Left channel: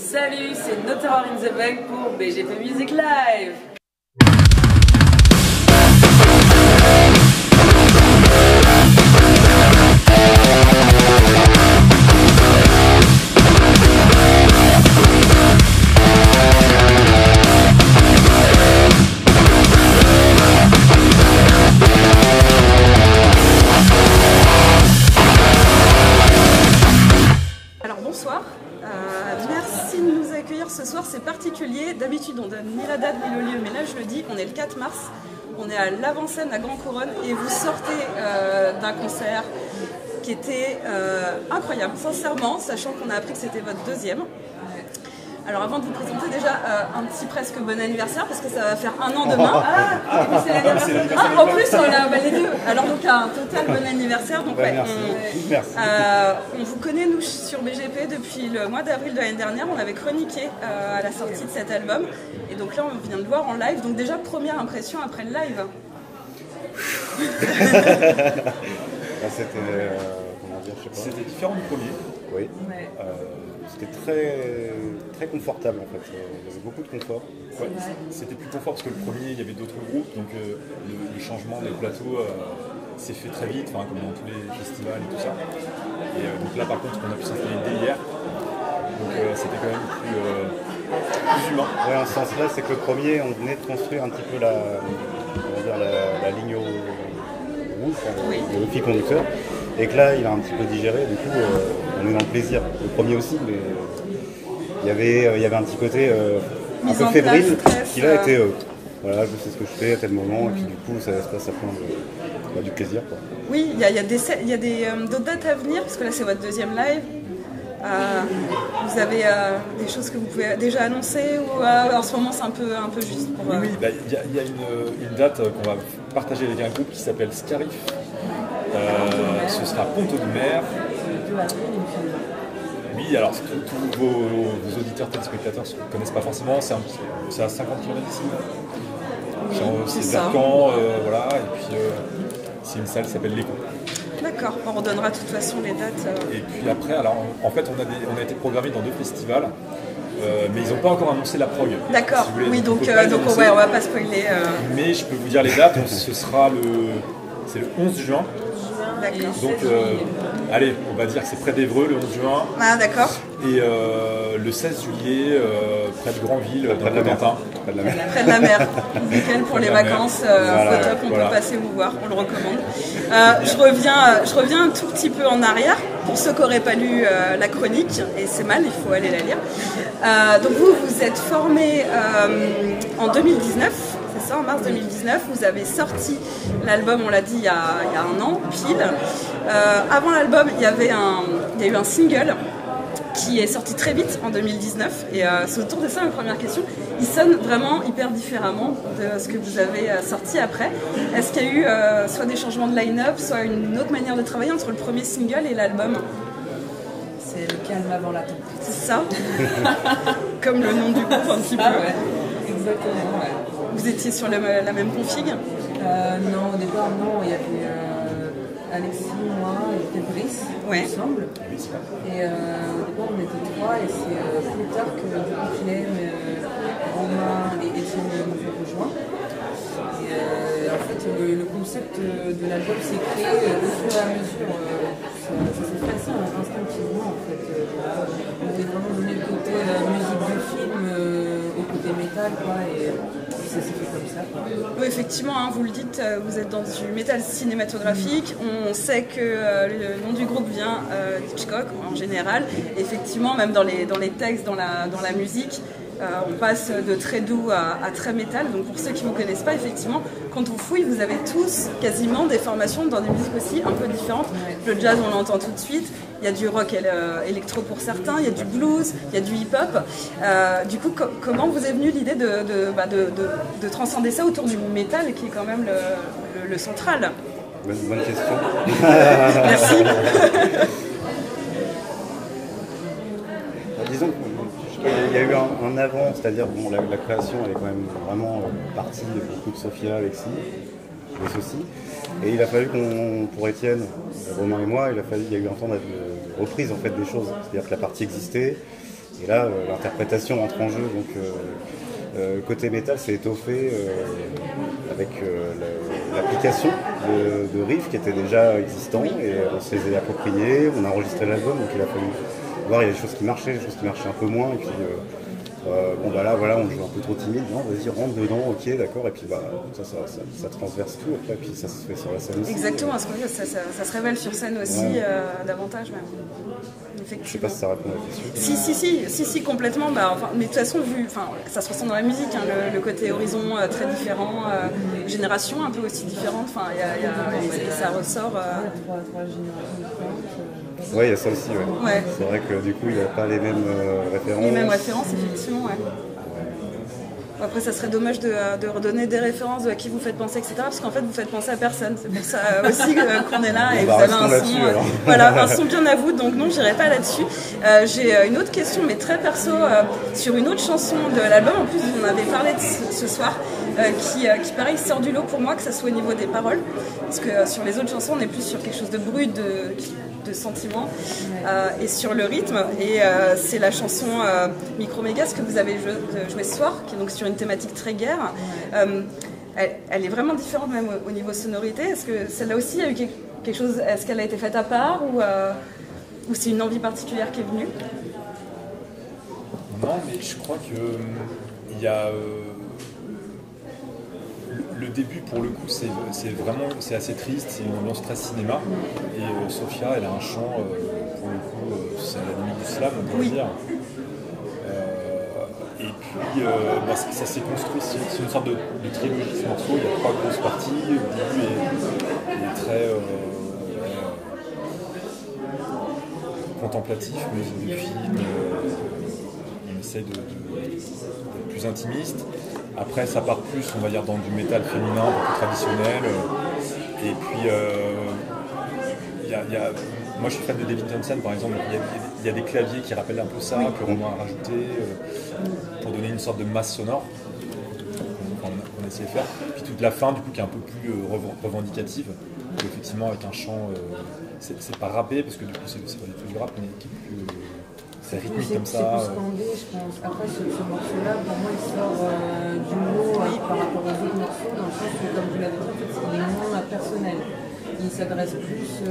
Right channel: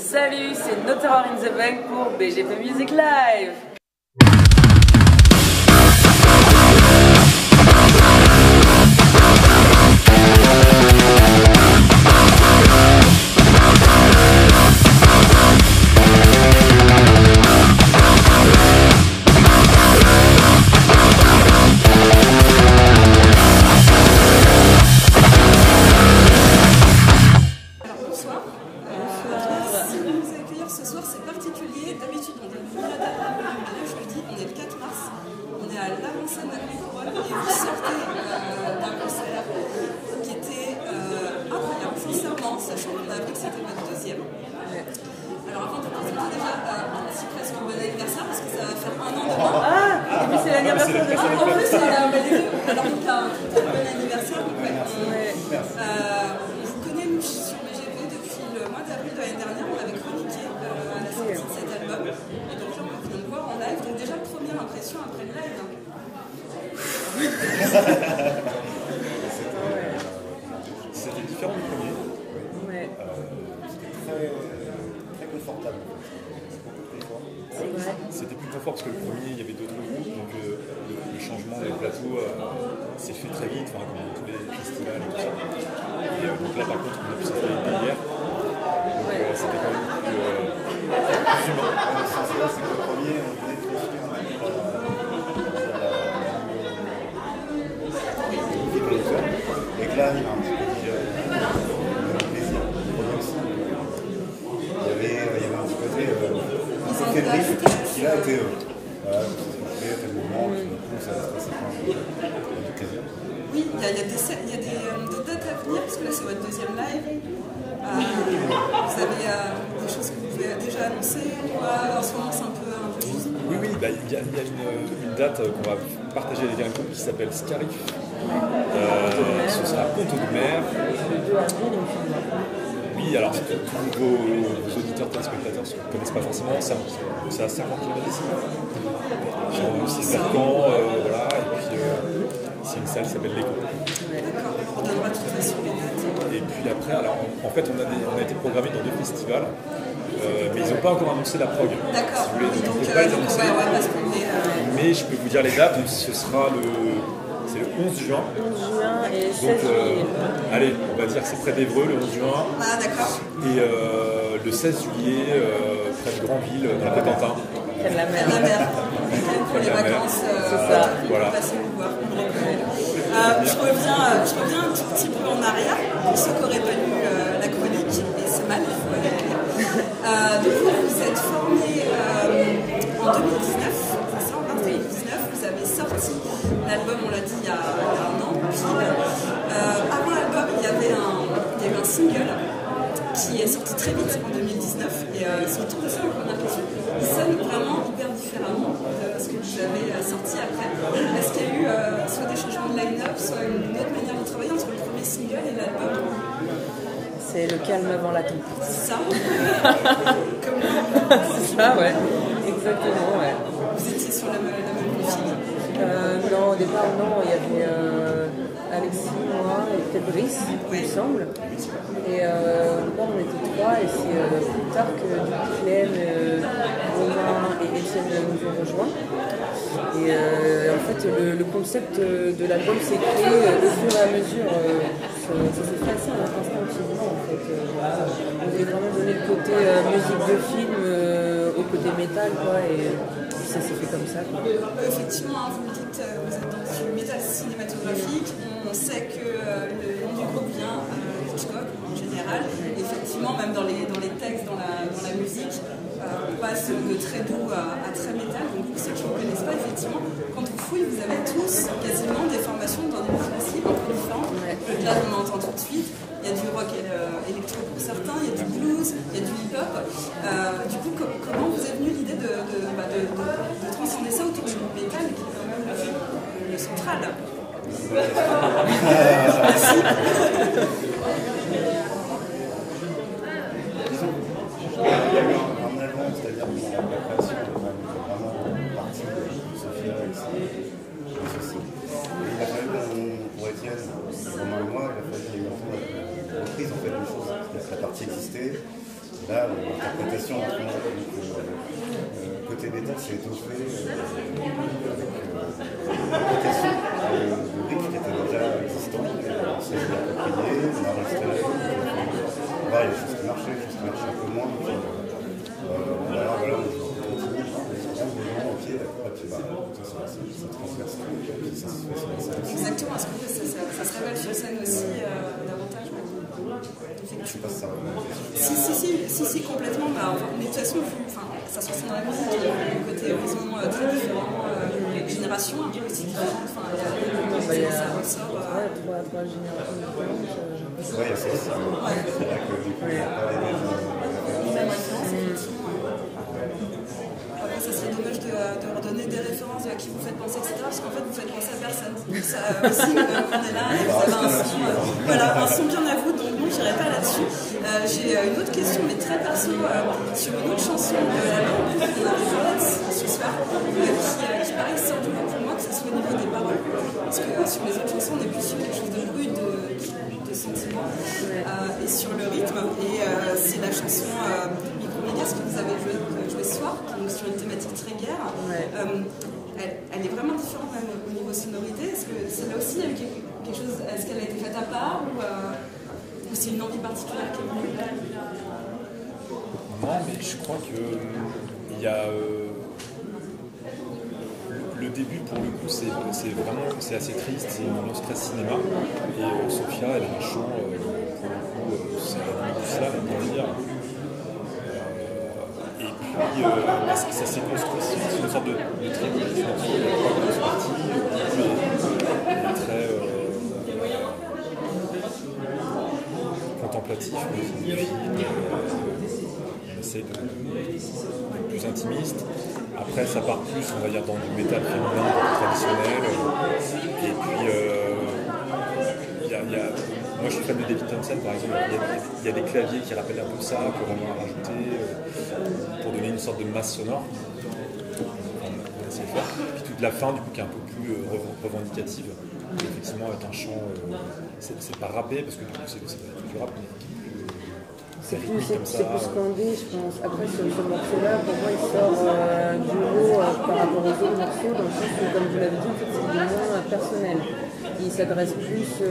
Salut, c'est No Terror in the Bank pour BGP Music Live. Merci de nous accueillir ce soir, c'est particulier. D'habitude on donne ni la date ni le lieu, mais là je le dis, on est le 4 mars, on est à l'avant-scène à Grand Couronne et vous sortez d'un concert qui était incroyable, sincèrement, sachant qu'on a appris que c'était votre deuxième. Alors avant de vous présenter déjà un petit presque bon anniversaire parce que ça va faire un an demain. Et puis c'est l'anniversaire de en plus on a les deux. Alors donc un total bon anniversaire. Donc merci. On vous connaît nous sur BGP depuis le mois d'avril de l'année dernière. On l'avait chroniqué à la sortie de cet album. Et donc là on vient de voir en live. Donc déjà première impression après le live. C'était différent du premier. Oui. Ouais. C'était très confortable en fait. Il y avait beaucoup de confort. Ouais. C'était plus confort parce que le premier, il y avait d'autres groupes, donc le changement des plateaux s'est fait très vite, comme dans tous les festivals et tout ça. Et donc là, par contre, on a pu s'installer dès hier. Donc c'était quand même plus humain. Ouais, en ce sens-là, c'est que le premier, on venait de construire un petit peu la ligne rouge, le fil conducteur. Et que là, il a un petit peu digéré, du coup, on est dans le plaisir. Le premier aussi, mais il y avait un petit côté un peu fébrile qui là était, voilà, je sais ce que je fais à tel moment, et qui du coup, ça se passe à plein du plaisir, quoi. Oui, il y a d'autres dates à venir, parce que là, c'est votre deuxième live. Vous avez des choses que vous pouvez déjà annoncer ou en ce moment c'est un peu juste pour, Oui, il y a une date qu'on va partager avec un groupe qui s'appelle Scarif. Ce sera Ponto de Mer. Le 2 avril, il me semble. Oui, alors tous vos auditeurs téléspectateurs ne connaissent pas forcément, c'est à 50 km d'ici. C'est vers Caen, voilà, et puis c'est une salle qui s'appelle l'Echo. D'accord, on redonnera de toute façon les dates. Et puis après, alors en fait, on a été programmé dans 2 festivals, mais ils n'ont pas encore annoncé la prog. D'accord, si vous voulez, oui, donc, on peut pas les annoncer. On va pas spoiler. Mais je peux vous dire les dates, ce sera c'est le 11 juin. 11 juin et 16 donc, juillet. Allez, on va dire que c'est près d'Évreux le 11 juin. Ah, d'accord. Et le 16 juillet, près de Granville, dans le Cotentin. Près de la mer. Nickel pour les vacances, on peut passer vous voir, on le recommande. Je reviens un tout petit peu en arrière, pour ceux qui n'auraient pas lu la chronique, et c'est mal, il faut aller la lire. Donc vous êtes formé en 2019. En mars 2019, vous avez sorti l'album, on l'a dit, il y a un an, pile. Avant l'album, il y a eu un single qui est sorti très vite en 2019. Et c'est autour de ça ma première question. Il sonne vraiment hyper différemment de ce que vous avez sorti après. Est-ce qu'il y a eu soit des changements de line-up, soit une autre manière de travailler entre le premier single et l'album? C'est le calme avant la tempête. C'est ça. Comme le nom du groupe. C'est ça, ouais. Exactement, ouais. Vous étiez sur la même config? Non, au départ, non. Il y avait Alexis, moi et peut-être Brice, il me semble. Et au départ, on était 3 et c'est plus tard que du coup Clem, Romain et Étienne nous ont rejoints. Et en fait, le concept de l'album s'est créé au fur et à mesure. Ça s'est fait assez instinctivement en fait. Voilà. On voulait vraiment donner le côté musique de film au côté métal, quoi, et ça s'est fait comme ça, quoi. Oui, effectivement, hein, vous le dites, vous êtes dans du métal cinématographique. On sait que le nom du groupe vient Hitchcock en général. Effectivement, même dans les textes, dans la musique. On passe de très doux à très métal. Donc pour ceux qui ne vous connaissent pas, effectivement, quand on fouille, vous avez tous quasiment des formations dans des musiques aussi un peu différentes. Ouais. Le jazz, on l'entend tout de suite. Il y a du rock électro pour certains, il y a du blues, il y a du hip-hop. Du coup, comment vous est venue l'idée de transcender ça autour du métal, qui est quand même le central? Bonne question. Merci. Disons qu'il y a eu un avant, c'est-à-dire la création elle est quand même vraiment partie de beaucoup de Sophia, Alexis, aussi. Et il a fallu pour Étienne, Romain et moi, il y a eu un temps de reprise en fait des choses. C'est-à-dire que la partie existait, Et là, l'interprétation entre en jeu. Donc, côté métal, c'est étoffé avec l'application de riffs qui étaient déjà existants et on se les a appropriés, on a enregistré l'album, donc il a fallu voir, il y a des choses qui marchaient, des choses qui marchaient un peu moins, et puis bon bah là voilà, on joue un peu trop timide, non, vas-y, rentre dedans, ok, d'accord, et puis bah ça transverse tout, et puis ça se fait sur la scène aussi. Exactement, parce que ça se révèle sur scène aussi, davantage même. Je sais pas si ça répond à la question. Si, complètement. Mais de toute façon, vu que ça se ressent dans la musique, hein, le côté horizon très différent, génération un peu aussi différente. Ça ressort. Trois générations différentes. Ouais, il y a ça aussi. Ouais. C'est vrai que du coup, il n'y a pas les mêmes références. Les mêmes références, effectivement. Ouais. Après, ça serait dommage de redonner des références à qui vous faites penser, etc. Parce qu'en fait, vous faites penser à personne. C'est pour ça aussi qu'on est là. Et vous avez un son, voilà, un son bien à vous. Donc non, je n'irai pas là-dessus. J'ai une autre question, mais très perso, sur une autre chanson de l'album. En plus, vous en avez parlé ce soir, qui pareil sort du lot pour moi, que ce soit au niveau des paroles. Parce que sur les autres chansons, on est plus sur quelque chose de brut, de sentiments, et sur le rythme. Et c'est la chanson Micromégas que vous avez joué ce soir, qui est donc sur une thématique très guerre. Elle est vraiment différente même au niveau sonorité. Est-ce que celle-là aussi, il y a eu quelque chose, est-ce qu'elle a été faite à part ou c'est une envie particulière qui est venue? Non, mais je crois que il y a le début, pour le coup, c'est assez triste, c'est une ambiance très cinéma. Et Sophia, elle a un chant, pour le coup, c'est à la limite du slam, on pourrait dire. Et puis, ça s'est construit, c'est une sorte de trilogie, ce morceau. Il y a 3 grosses parties. Le début est très contemplatif, musique du film. On essaye d'être plus intimiste. Après, ça part plus, on va dire, dans du métal féminin, un peu plus traditionnel. Et puis, moi, je suis fan de Devin Townsend, par exemple. Il y a des claviers qui rappellent un peu ça, que Romain a rajouté, pour donner une sorte de masse sonore qu'on essayait de faire. Puis toute la fin, du coup, qui est un peu plus revendicative. Et effectivement, avec un chant, c'est pas rappé, parce que du coup, c'est pas du tout du rap, mais qui est plus... c'est rythmique comme ça. C'est plus scandé, je pense. Après, ce morceau-là, pour moi, il sort du lot par rapport aux autres morceaux, dans le sens où, comme vous l'avez dit, en fait, il est moins personnel. Il s'adresse plus...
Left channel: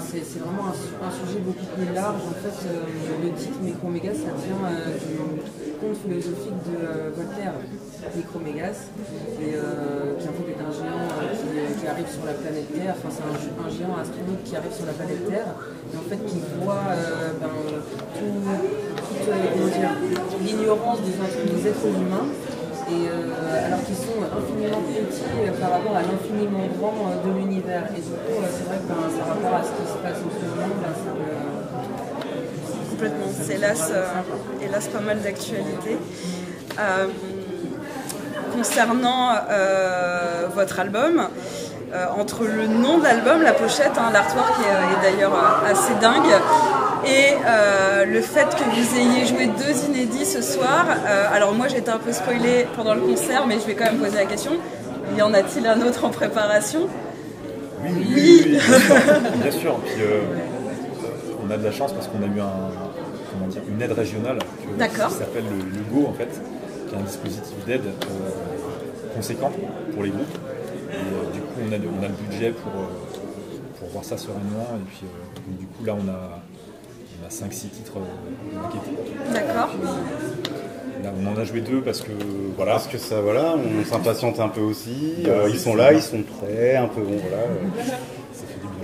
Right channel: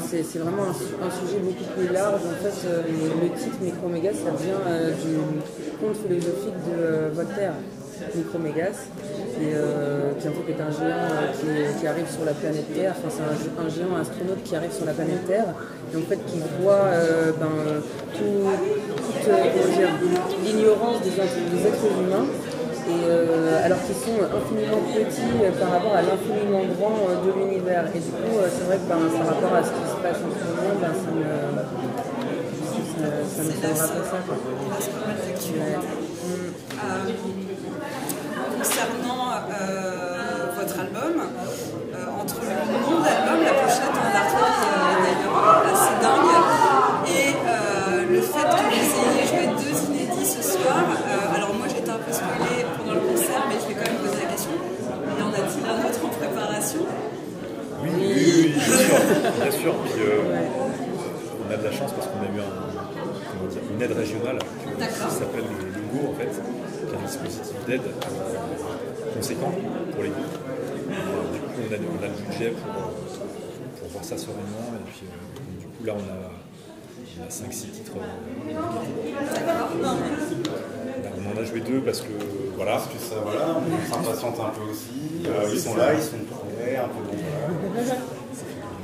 c'est vraiment un sujet beaucoup plus large. En fait, le titre Micromégas, ça vient du conte philosophique de Voltaire, Micromégas, qui en fait est un géant qui arrive sur la planète Terre. Enfin, c'est un géant astronaute qui arrive sur la planète Terre et en fait qui voit toute l'ignorance des êtres humains. Et alors qu'ils sont infiniment petits par rapport à l'infiniment grand de l'univers. Et du coup, c'est vrai que par rapport à ce qui se passe en ce moment, ça me hélas pas mal d'actualité. Concernant votre album, entre le nom de l'album, la pochette, l'artwork est d'ailleurs assez dingue, et le fait que vous ayez joué 2 inédits ce soir. Alors moi j'ai été un peu spoilée pendant le concert, mais je vais quand même poser la question, y en a-t-il un autre en préparation? Oui, bien sûr. Puis, on a de la chance parce qu'on a eu une aide régionale qui s'appelle le GO, en fait, qui est un dispositif d'aide conséquent pour les groupes. Et du coup, on a le budget pour voir ça sereinement. Et puis, donc, du coup, là, on a 5-6 titres maquettés. D'accord. Là, on en a joué 2 parce que voilà. Parce que ça, voilà, on s'impatiente un peu aussi. Ils sont là, ils sont prêts, un peu bon, voilà.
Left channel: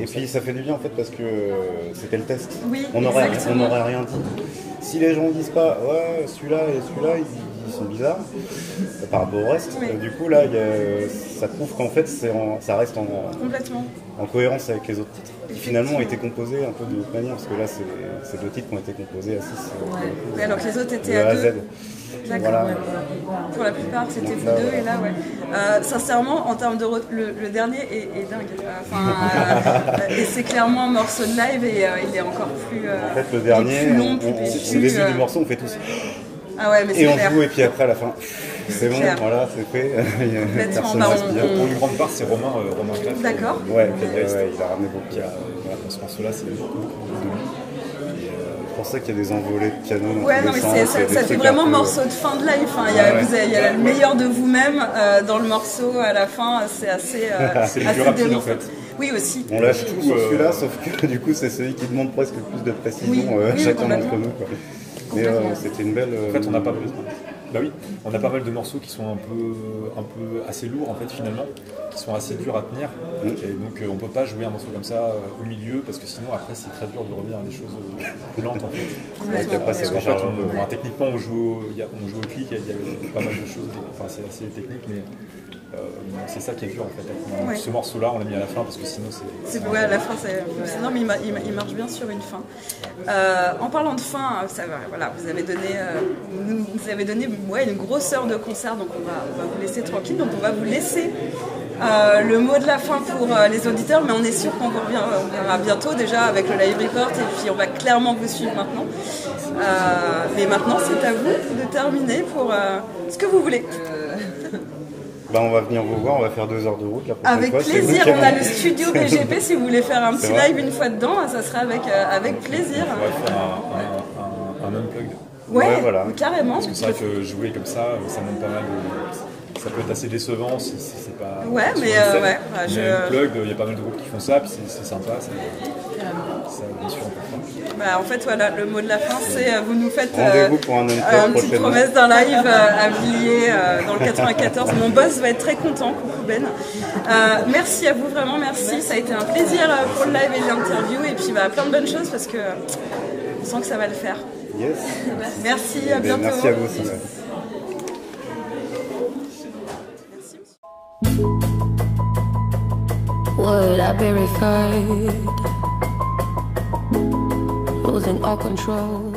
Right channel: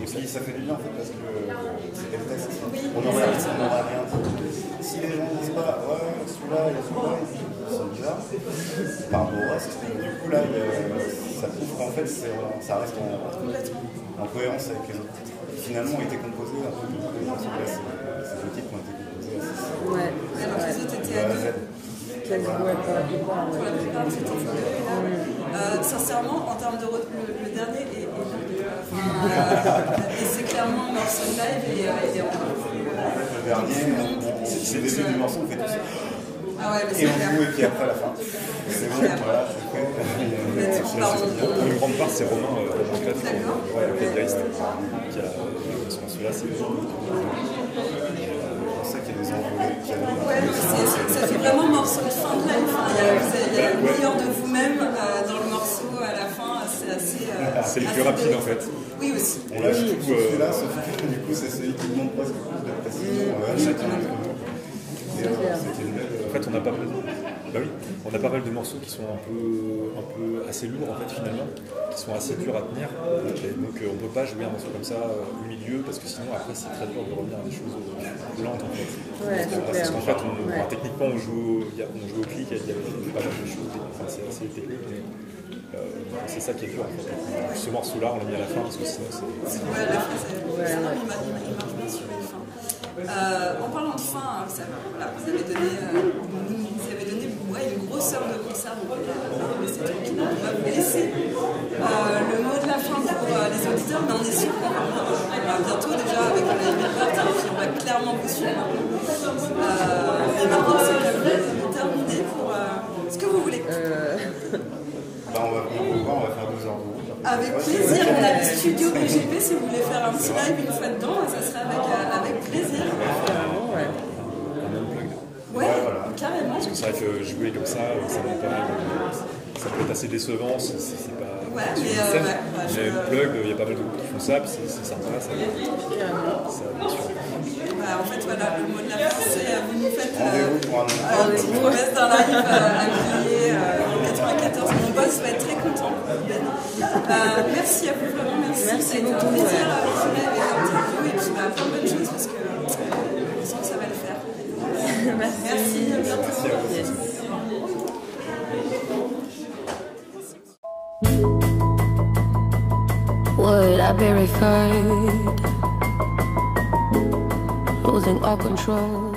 Et puis ça fait du bien en fait parce que c'était le test. Oui, on n'aurait rien dit. Si les gens disent pas ouais celui-là et celui-là ils sont bizarres par rapport au reste, du coup là ça prouve qu'en fait ça reste en cohérence avec les autres titres qui finalement ont été composés un peu de l'autre manière, parce que là c'est 2 titres qui ont été composés à 6. Alors que les autres étaient de A à Z. Voilà. Pour la plupart, c'était vous 2 et là, sincèrement, en termes de le dernier est dingue. Et c'est clairement un morceau de live et il est encore plus. En fait, le dernier, au début du morceau, on fait tous. Ah ouais, mais et on joue, et puis après, à la fin, c'est bon, voilà, c'est fait. Personne ne respire. Pour une grande part, c'est Romain Greff, le claviériste, il a ramené beaucoup. Dans ce morceau-là, c'est beaucoup de lui. pour ça qu'il y a des envolées de piano dans tous les sens. Ça fait vraiment morceau de fin de live. Il y a le meilleur de vous-même dans le morceau à la fin. C'est assez. C'est le plus rapide en fait. Oui, aussi. On lâche tout sur celui-là, sauf que du coup, c'est celui qui demande presque plus de précision chacun d'entre nous. Mais c'était une belle. En fait, on a pas mal. Bah oui, on a pas mal de morceaux qui sont un peu assez lourds en fait finalement, qui sont assez durs à tenir. Et donc on peut pas jouer un morceau comme ça au milieu parce que sinon après c'est très dur de revenir à des choses lentes en fait. Parce qu'en fait, techniquement on joue au clic, il y avait pas mal de choses. Enfin c'est assez technique, mais c'est ça qui est dur en fait. Ce morceau-là, on l'a mis à la fin parce que sinon c'est. Ouais, à la fin, non, mais il marche bien sur une fin. En parlant de fin, voilà, vous avez donné une grosse heure de concert, donc on va vous laisser tranquille. Donc on va vous laisser le mot de la fin pour les auditeurs, mais on est sûr qu'on reviendra bientôt déjà avec le live report et puis on va clairement vous suivre maintenant. Mais maintenant, c'est à vous de terminer pour ce que vous voulez. On va venir vous voir, on va faire 2 heures de route la prochaine avec fois. Avec plaisir, on a le studio PGP, si vous voulez faire un petit live une fois dedans, ça sera avec plaisir. On va faire un unplugged. Ouais, voilà. Carrément. Parce que c'est vrai que jouer comme ça demande pas mal de... Ça peut être assez décevant si c'est pas... Ouais, mais unplugged, il y a pas mal de groupes qui font ça, puis c'est sympa. Carrément. Ça, bien sûr, on peut faire. En fait, voilà, le mot de la fin, c'est vous nous faites... Rendez-vous pour un unplugged prochainement. Une promesse d'un live à Villiers dans le 94. Mon boss va être très content, coucou Ben. Merci à vous, vraiment, merci. Ça a été un plaisir pour le live et l'interview, et puis plein de bonnes choses parce que on sent que ça va le faire. Yes. Merci, à bientôt. Merci à vous. Yes. Would I be referred? Losing all control.